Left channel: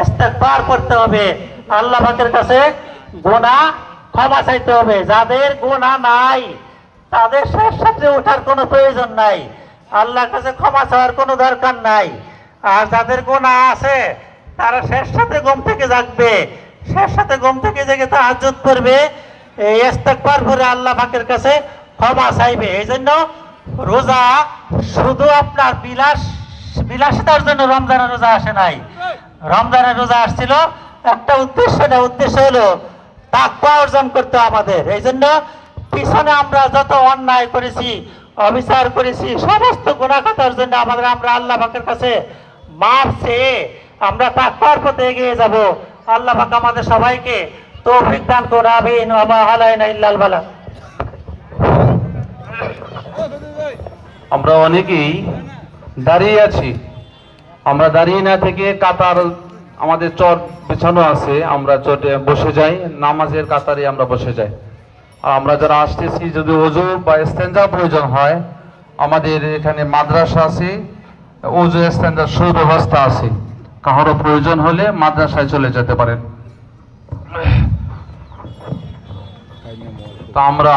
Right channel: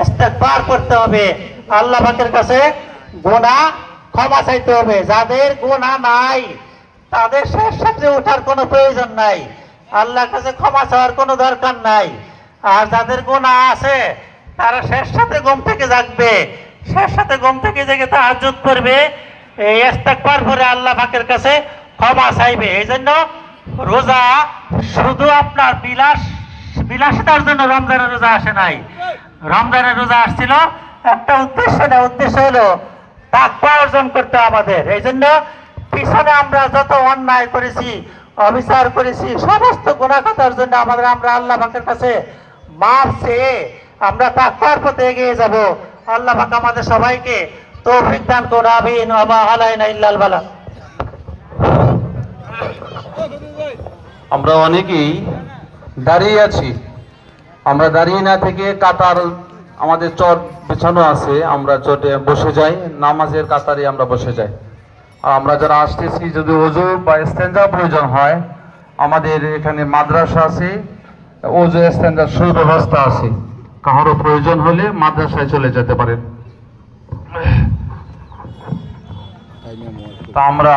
ইস্তেগফার করতে হবে, আল্লাহ পাকের কাছে গুনাহ ক্ষমা চাইতে হবে। যাদের গুনাহ নাই তাদের শেষ ওঠার কোনো প্রয়োজন নাই, আল্লাহর কাছে ক্ষমা চাওয়ার কোনো দরকার নাই। আর যাদের গুনাহ আছে তারা শেষ ঘুম থেকে জাগবে, শেষ ঘুম থেকে জেগে তাহাজ্জুদ করবে, এই ইস্তেগফার করে আল্লাহ পাকের কাছে ক্ষমা চাইবে। এই জন্য রোজা শুধু আপনার বিলাসিতার জন্য রমজানের রোজা আসে নাই। রমজানের রোজা আসছিল একটা উদ্দেশ্য নেই, উদ্দেশ্য হলো তাকওয়া অর্জন করতে আমাদের। এই জন্য পিছনে আমরা যত অন্যায় করেছি, অবিচার করেছি, সমস্ত গুনাহ খাতার জন্য আমরা আল্লাহ পাকের কাছে মাফ চেয়ে আমরা তাকওয়ার পথে এগিয়ে যাব। আল্লাহ পাক আমাদের সবাইকে তৌফিক দান করুন, আমিন। ওয়া মা আলাইনা ইল্লাল বালাগ। আমরা অনেকেই দাঁড়িয়ে আছি, আমরা দাঁড়িয়ে না থেকে কাতার আমাদের চট বিছানো আছে, আমরা চটে বসে যাই, নামাজের কাতারে আমরা বসে যাই। আর আমরা যারা আসতেছি যদি ওযু বা ইস্তেঞ্জা প্রয়োজন হয়, আমাদের এখানে মাদ্রাসা আছে, ওযু ইস্তেঞ্জার সুব্যবস্থা আছে, কারো প্রয়োজন হলে মাদ্রাসায় চলে যেতে পারেন। তা আমরা